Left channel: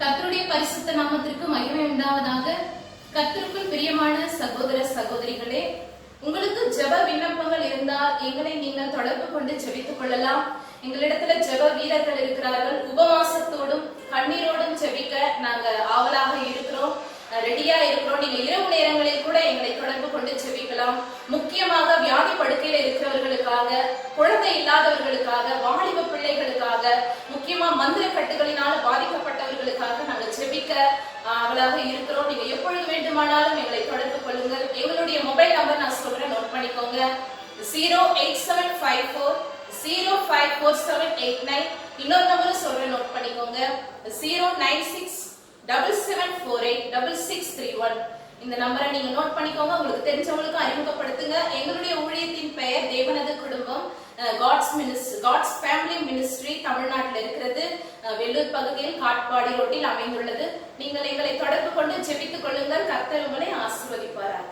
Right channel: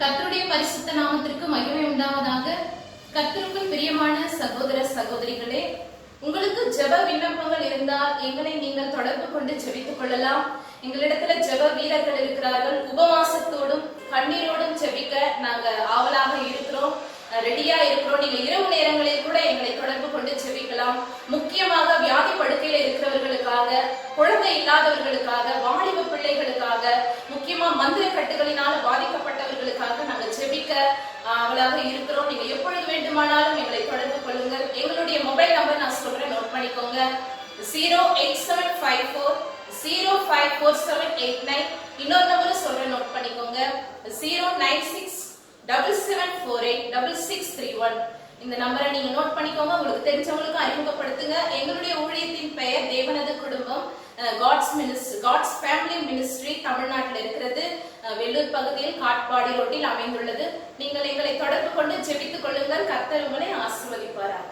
கர்த்தருடைய பரிசுத்த நாமத்திற்கு மகிமை உண்டாவதாக. கர்த்தருக்குள் பிரியமான சகோதர சகோதரிகளே, உங்களுக்கு ஜெப விண்ணப்பங்கள் இருந்தால் எங்களை நீங்கள் தொடர்பு கொண்டு ஜெபித்துக் கொள்ளலாம். எங்களிடத்துல ஜெப வீரர்கள் இருக்கிறார்கள். உபவாசத்தோடும் கண்ணீரோடும் ஜெபிக்க நாங்க ஆவலாக இருக்கிறோம், ரெடியா இருக்கிறோம். நீங்க இரவு நேரங்களில் கூட எங்களை தொடர்பு கொண்டு ஜெபிக்கலாம். முக்கியமாக வியாதி படுக்கையில இருக்கிறவர்களுக்காக, குழந்தை இல்லாதவர்களுக்காக, வாலிப பிள்ளைகளுக்காக, முக்கியமா மந்திர கட்டுகளினால பாதிக்கப்பட்டவர்களுக்காக நாங்கள் ஜெபிக்க அவளாக இருக்கிறோம். நீங்க எப்பொழுது வேண்டுமானாலும் எங்களை தொடர்பு கொள்ளுங்கள். எங்களுடைய மொபைல் நம்பர் நான் சொல்றேன், நோட் பண்ணிக்கோங்க. 08754054789. இன்னொரு நம்பரும் சொல்றேன், நோட் பண்ணிக்கோங்க. 09677486631. இந்த நம்பரை நீங்க நோட் பண்ணிக்கோங்க. உங்களுக்கு தெரிஞ்சவங்களுக்கு அறிமுகப்படுத்துங்க. எங்களுடைய ஊழியத்தின் பெயர் தேவனது குடும்பம், காட்ஸ் ஃபேமிலி மினிஸ்ட்ரி. தமிழ்நாட்டில் இருக்கிறது, வெள்ளூர் பகுதியில் காட்பாடி ரோட்டில் அமைந்துள்ளது. நீங்கள் எங்களை தொடர்பு கொண்டு ஜெபித்துக் கொள்ளுங்கள். கர்த்தர் உங்களை ஆசீர்வதிப்பாராக.